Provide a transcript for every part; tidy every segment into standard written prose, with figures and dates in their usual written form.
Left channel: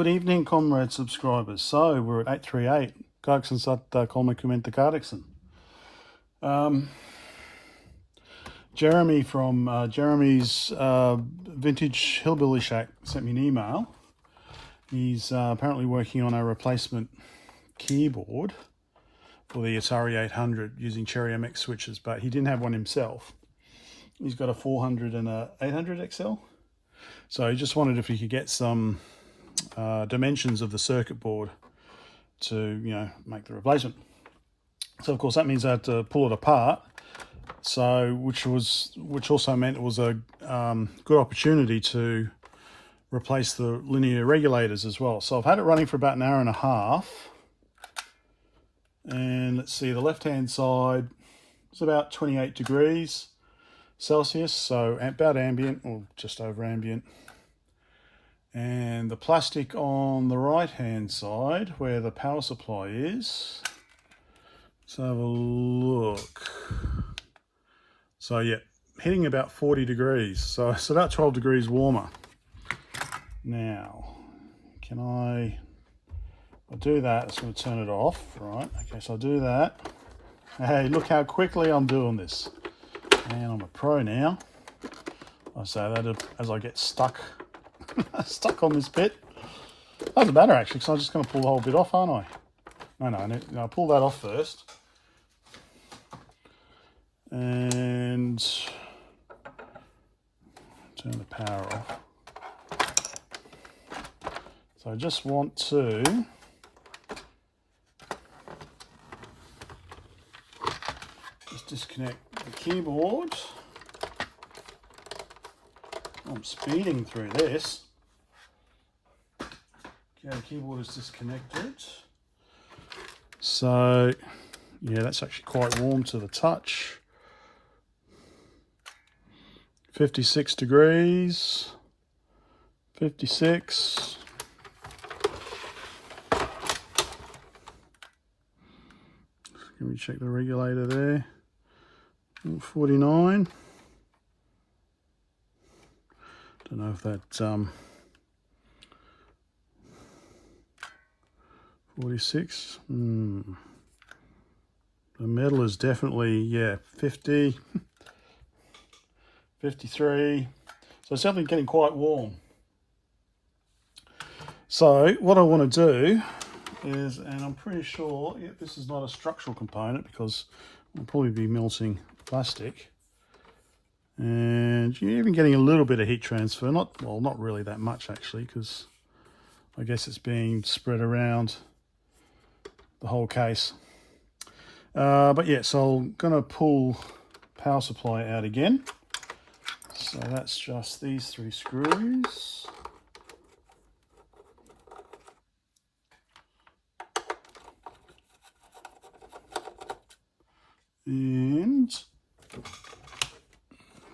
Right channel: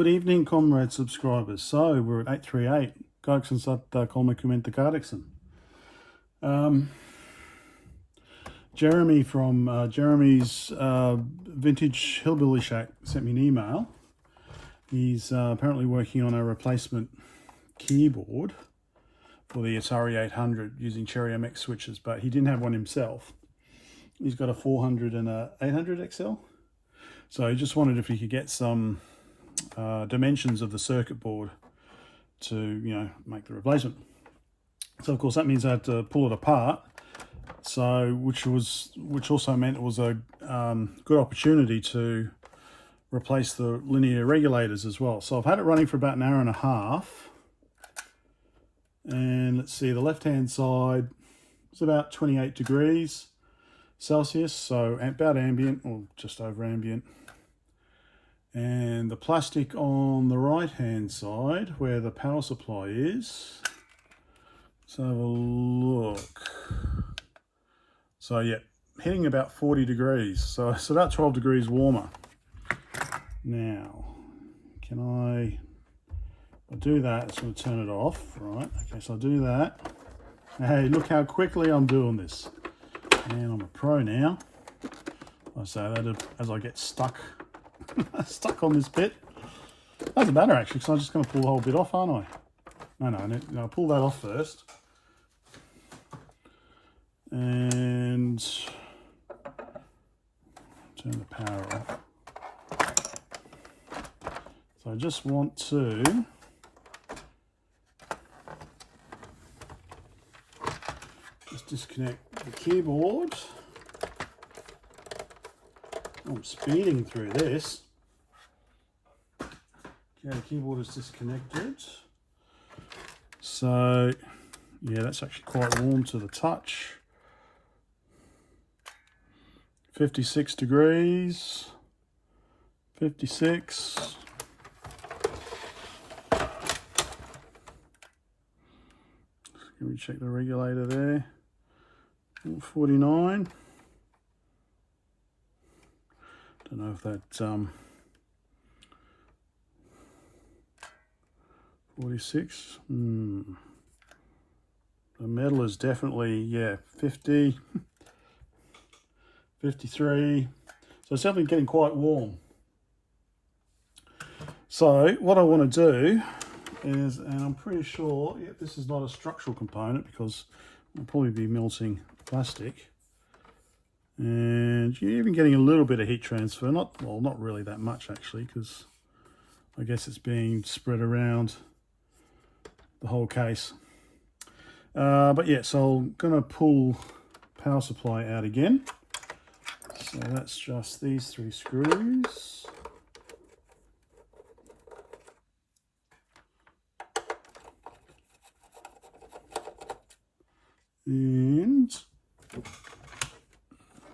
Good evening, comrade subscribers. So we're at 838. Kaaksen saattaa 30 kahdeksan. Jeremy from Jeramy's Vintage Hillbilly Shack sent me an email. He's apparently working on a replacement keyboard for the Atari 800 using Cherry MX switches, but he didn't have one himself. He's got a 400 and a 800 XL. So he just wondered if he could get some dimensions of the circuit board to, make the replacement. So of course that means I had to pull it apart. So which also meant it was a good opportunity to replace the linear regulators as well. So I've had it running for about an hour and a half. And let's see, the left-hand side is about 28 degrees Celsius, so about ambient or just over ambient. And the plastic on the right-hand side, where the power supply is, let's have a look. So yeah, hitting about 40 degrees, so it's about 12 degrees warmer. Now, I'll do that, it's going to turn it off, right? Okay, so I'll do that. Hey, look how quickly I'm doing this. And I'm a pro now. I say that as I get stuck on this bit. Doesn't matter actually, because I'm just going to pull the whole bit off, aren't I? No, I'll pull that off first. And turn the power off. So I just want to disconnect the keyboard. I'm speeding through this. Okay, the keyboard is disconnected. So, yeah, that's actually quite warm to the touch. 56 degrees. 56. Let me check the regulator there. 49. Don't know if that 46. The metal is definitely 50. 53. So it's definitely getting quite warm. So what I want to do is, and I'm pretty sure this is not a structural component because it'll probably be melting plastic, and you're even getting a little bit of heat transfer, not really that much actually, because I guess it's being spread around the whole case. But yeah, so I'm going to pull power supply out again. So that's just these 3 screws. And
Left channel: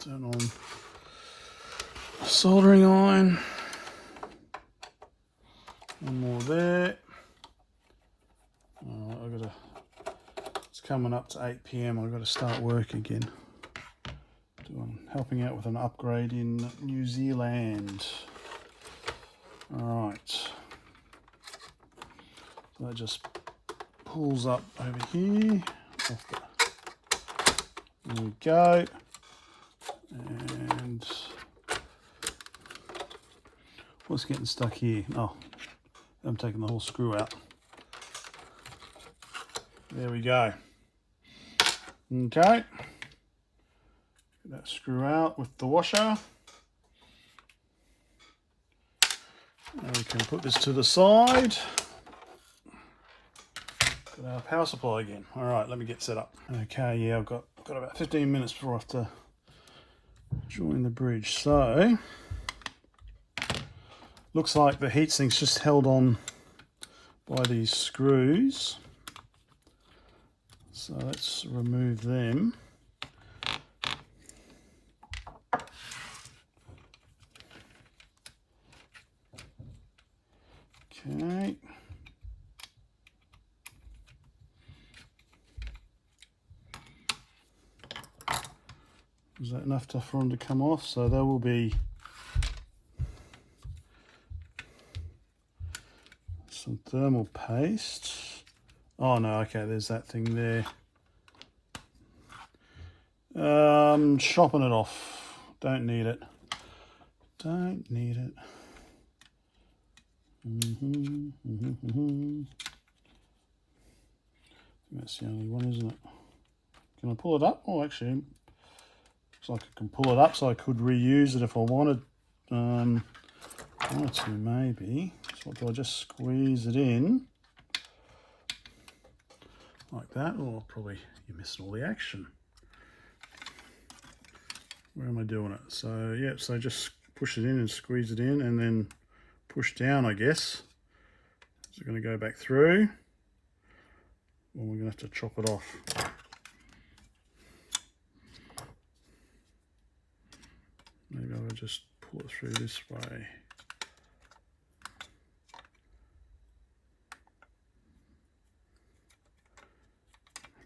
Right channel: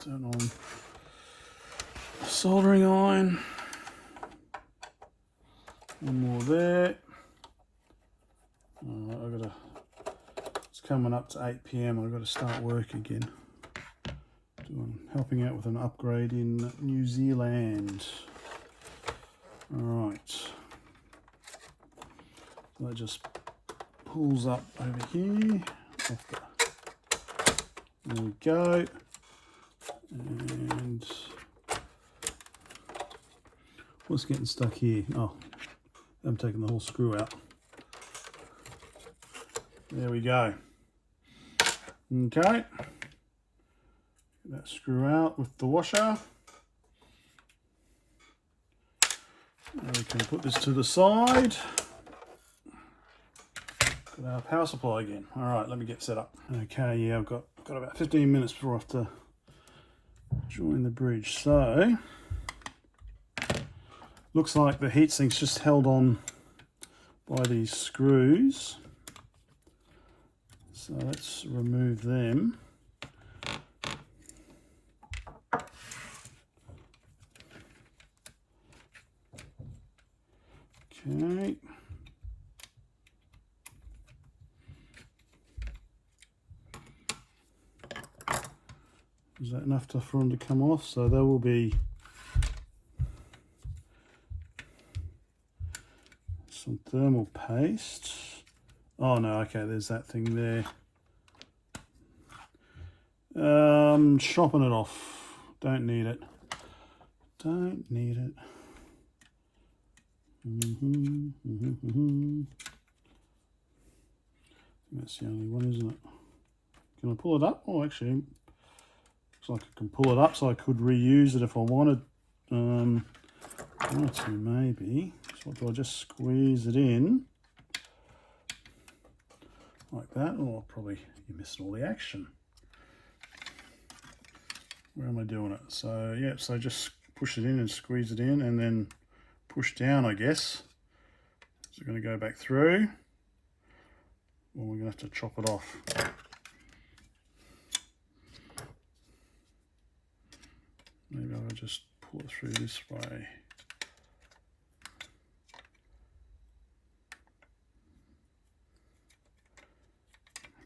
turn on soldering iron. One more there. It's coming up to 8 PM. I've got to start work again. Helping out with an upgrade in New Zealand. Alright. So that just pulls up over here. There we go. And what's getting stuck here? Oh, I'm taking the whole screw out. There we go. Okay. Get that screw out with the washer. And we can put this to the side. Got our power supply again. All right, let me get set up. Okay, yeah, I've got about 15 minutes before I have to join the bridge. So, looks like the heatsink's just held on by these screws. So let's remove them. Okay. Is that enough for them to come off? So there will be some thermal paste. Oh no, okay, there's that thing there. Chopping it off. Don't need it. Don't need it. That's the only one, isn't it? Can I pull it up? Oh, actually, looks like I can pull it up, so I could reuse it if I wanted. One or two, maybe. So do I just squeeze it in like that? Oh, probably you're missing all the action. Where am I doing it? So yeah, so just push it in and squeeze it in, and then push down, I guess. So we're going to go back through, or we're going to have to chop it off. Maybe I'll just pull it through this way.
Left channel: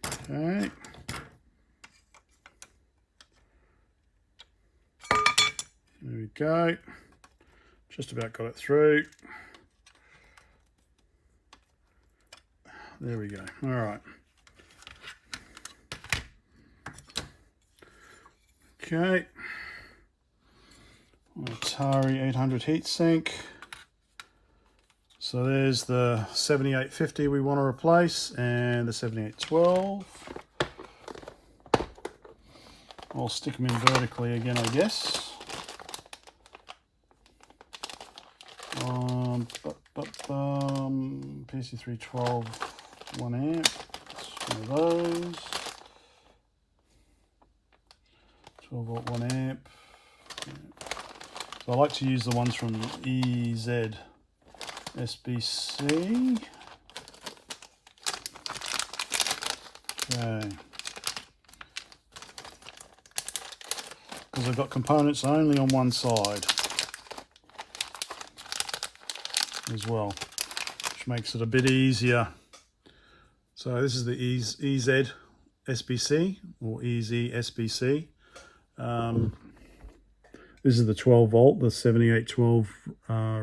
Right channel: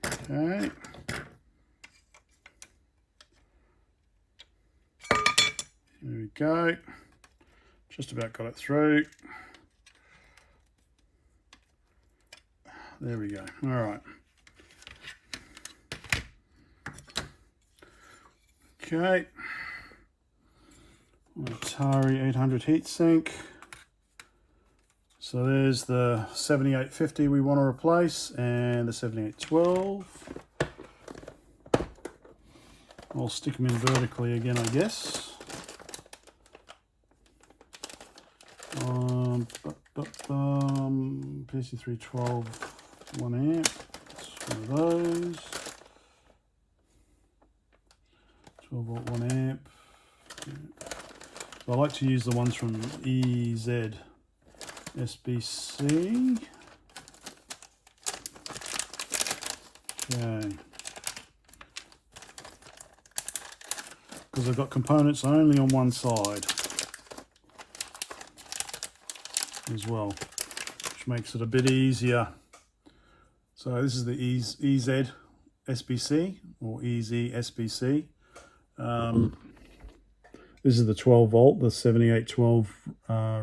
Okay. There we go. Just about got it through. There we go. All right. Okay. Atari 800 heatsink. So there's the 7850 we want to replace, and the 7812. I'll stick them in vertically again, I guess. PC312 1 amp. That's one of those. 12 volt 1 amp. Yeah. So I like to use the ones from EZ SBC. Okay. Because I've got components only on one side as well, which makes it a bit easier. So this is the EZ SBC or EZ SBC. This is the 12 volt, the 7812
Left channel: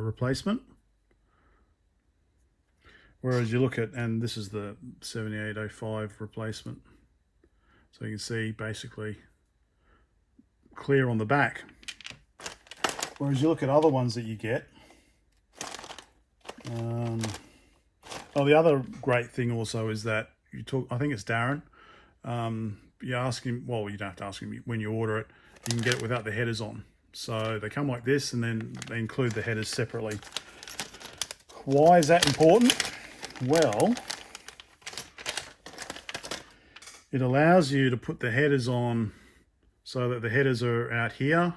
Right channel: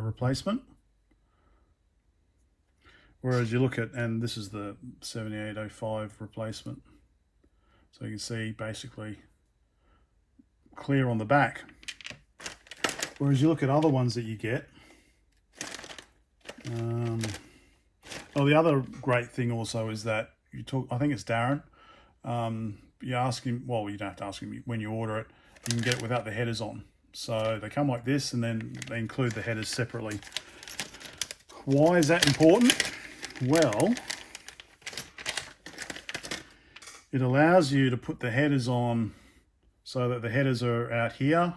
replacement. Whereas you look at, and this is the 7805 replacement. So you can see basically clear on the back. Whereas you look at other ones that you get. Well, the other great thing also is that you talk, I think it's Darren, you ask him, well, you don't have to ask him, when you order it, you can get it without the headers on. So they come like this, and then they include the headers separately. Why is that important? Well, it allows you to put the headers on so that the headers are out here,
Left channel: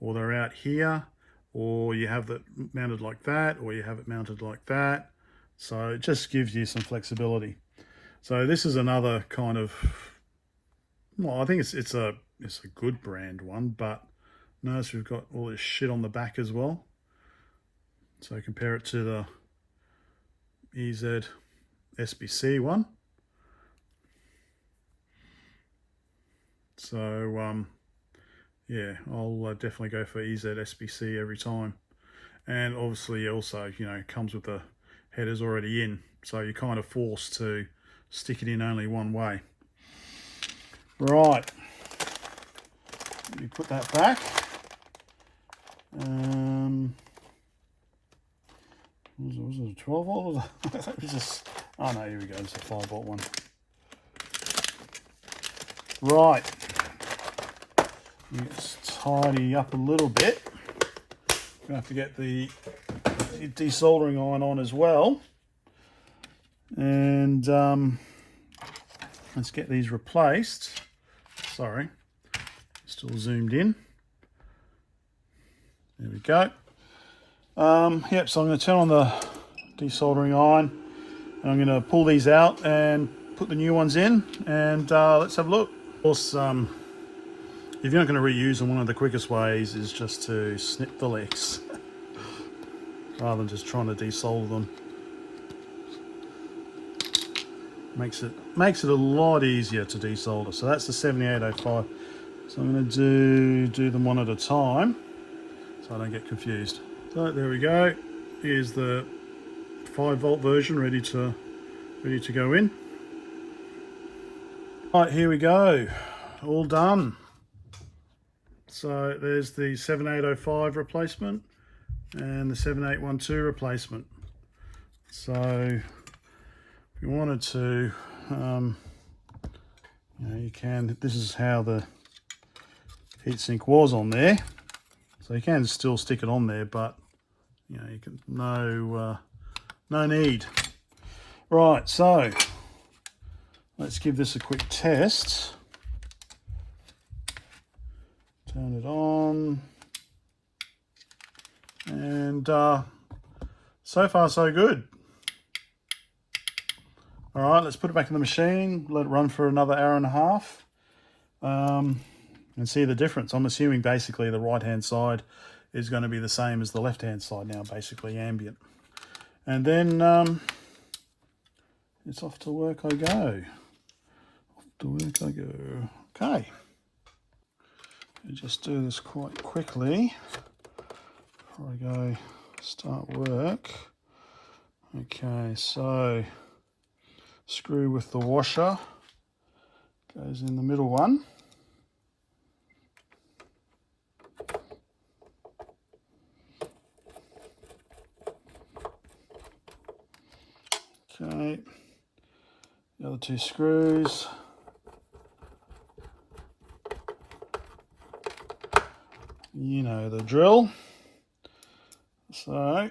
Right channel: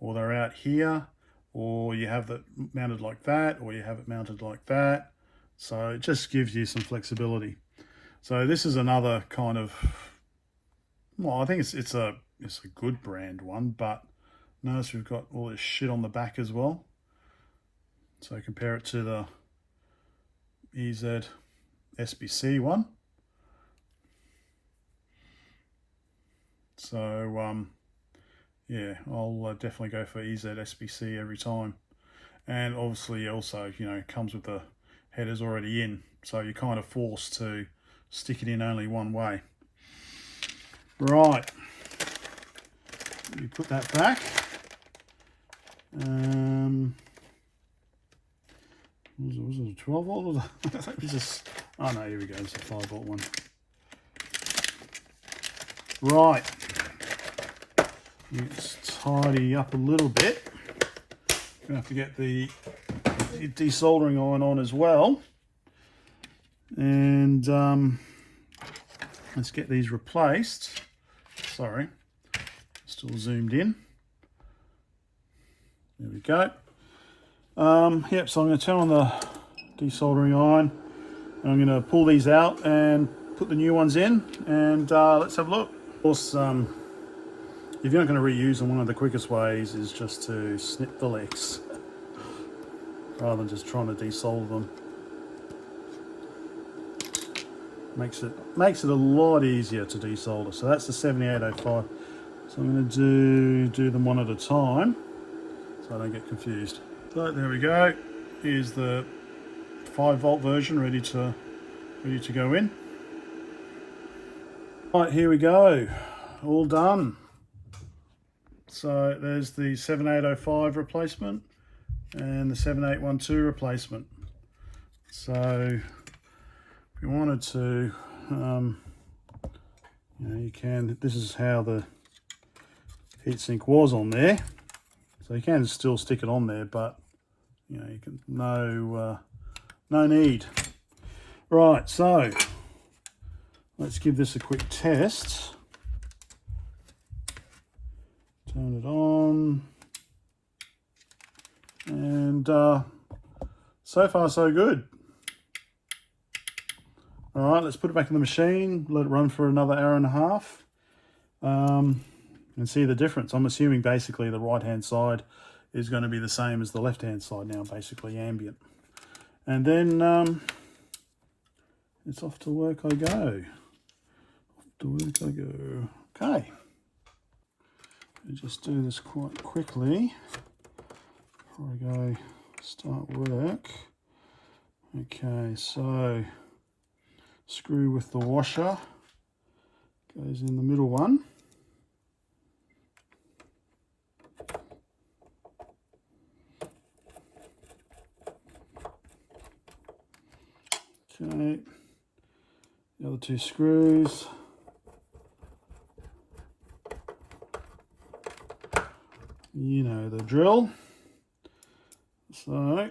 or they're out here, or you have it mounted like that, or you have it mounted like that. So it just gives you some flexibility. So this is another kind of, well, I think it's a good brand one, but notice we've got all this shit on the back as well. So compare it to the EZ SBC one. So yeah, I'll definitely go for EZ SBC every time. And obviously also, you know, it comes with the headers already in, so you're kind of forced to stick it in only one way. Right, you put that back. Was it a 12 volt? It was just, oh no, here we go, it's a 5 volt one. Right, let's tidy up a little bit. Gonna have to get the desoldering iron on as well, and let's get these replaced. Sorry, still zoomed in. There we go. Yep, so I'm going to turn on the desoldering iron, and I'm going to pull these out and put the new ones in, and let's have a look. Of course, if you're not going to reuse them, one of the quickest ways is just to snip the legs rather than just trying to desolder them. Makes it a lot easier to desolder. So that's the 7805. So I'm going to do them one at a time so I don't get confused. So there we go. Here's the 5-volt version ready to go in. Right, here we go, all done. So there's the 7805 replacement and the 7812 replacement. So if you wanted to, you can, this is how the heatsink was on there. So you can still stick it on there, but you can no need. Right, so let's give this a quick test. Turn it on, and so far so good. All right, let's put it back in the machine, let it run for another hour and a half, and see the difference. I'm assuming basically the right hand side is going to be the same as the left hand side now, basically ambient. And then it's off to work I go. Off to work I go. Okay. I'll just do this quite quickly before I go start work. Okay, so screw with the washer goes in the middle one. Okay, the other 2 screws. You know the drill. So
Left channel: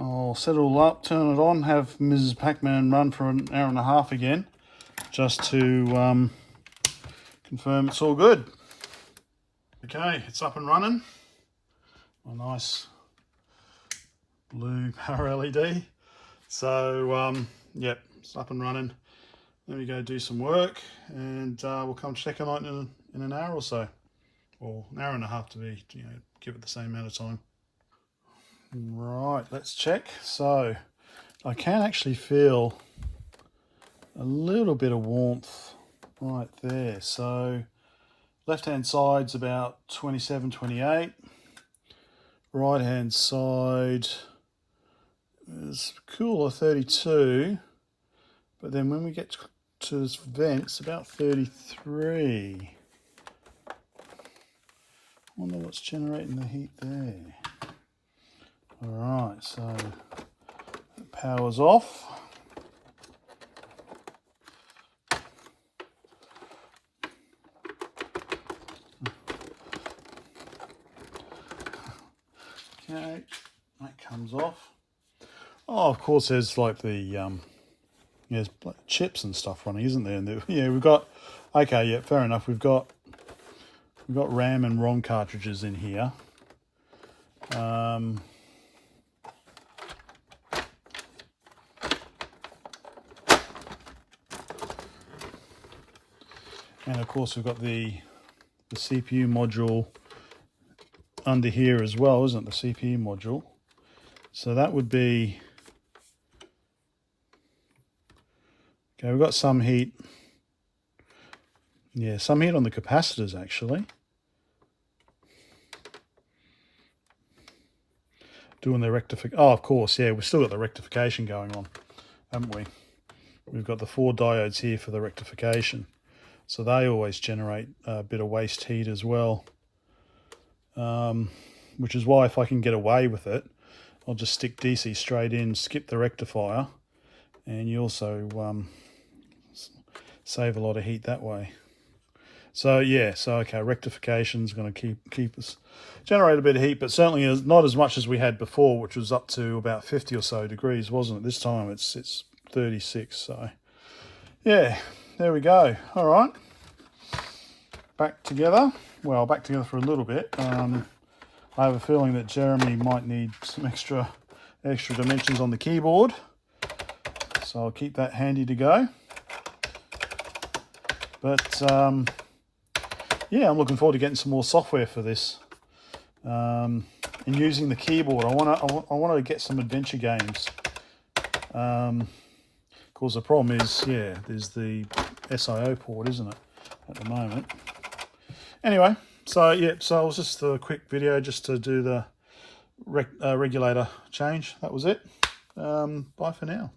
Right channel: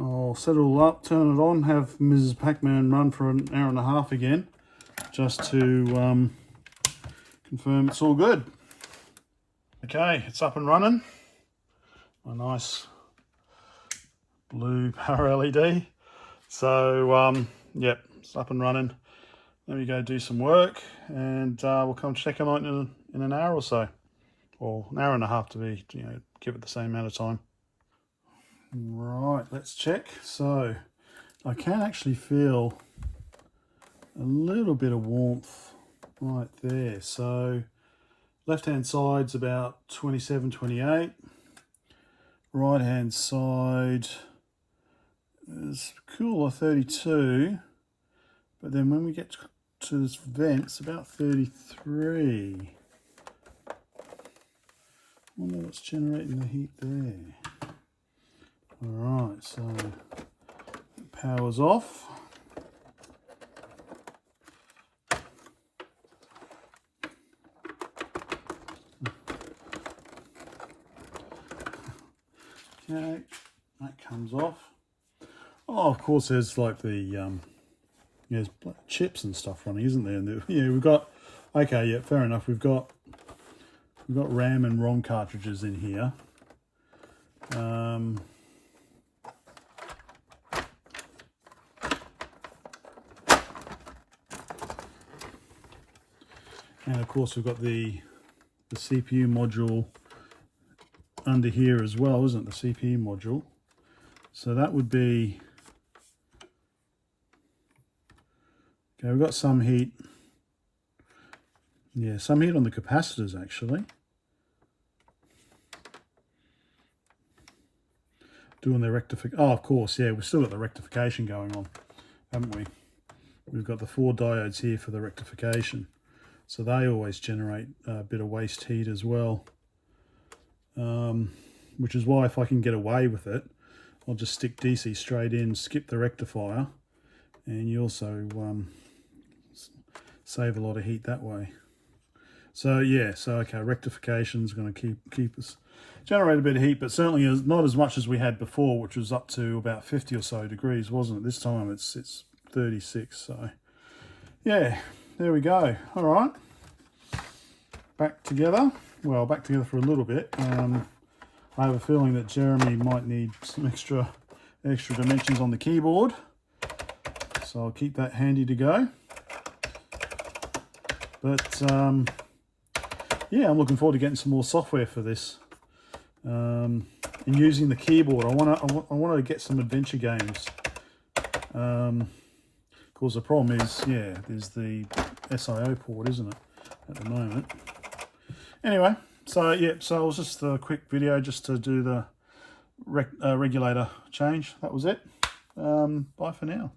I'll set it all up, turn it on, have Mrs. Pac-Man run for an hour and a half again, just to confirm it's all good. Okay, it's up and running. My nice blue power LED. So yep, it's up and running. Let me go do some work, and we'll come check it out in an hour or so, or an hour and a half to be, give it the same amount of time. Right, let's check. So I can actually feel a little bit of warmth right there. So left hand side's about 27, 28. Right hand side is cooler, 32. But then when we get to this vent, it's about 33. I wonder what's generating the heat there. Alright, so the power's off. Okay, that comes off. Oh, of course, there's like the there's chips and stuff running, isn't there? And yeah, we've got, okay, yeah, fair enough. We've got RAM and ROM cartridges in here. And of course we've got the CPU module under here as well, isn't it? The CPU module. So that would be, okay, we've got some heat. Yeah, some heat on the capacitors actually. Doing the rectification. Oh, of course, yeah, we've still got the rectification going on, haven't we? We've got the 4 diodes here for the rectification. So they always generate a bit of waste heat as well. Which is why if I can get away with it, I'll just stick DC straight in, skip the rectifier, and you also save a lot of heat that way. So yeah, so okay, rectification is going to keep us generate a bit of heat, but certainly not as much as we had before, which was up to about 50 or so degrees, wasn't it? This time it's 36. So yeah, there we go. All right, back together. Well, back together for a little bit. I have a feeling that Jeremy might need some extra dimensions on the keyboard, so I'll keep that handy to go. But yeah, I'm looking forward to getting some more software for this and using the keyboard. I want to get some adventure games. Of course, the problem is, yeah, there's the SIO port, isn't it, at the moment? Anyway. So yeah, so it was just a quick video just to do the regulator change. That was it. Bye for now.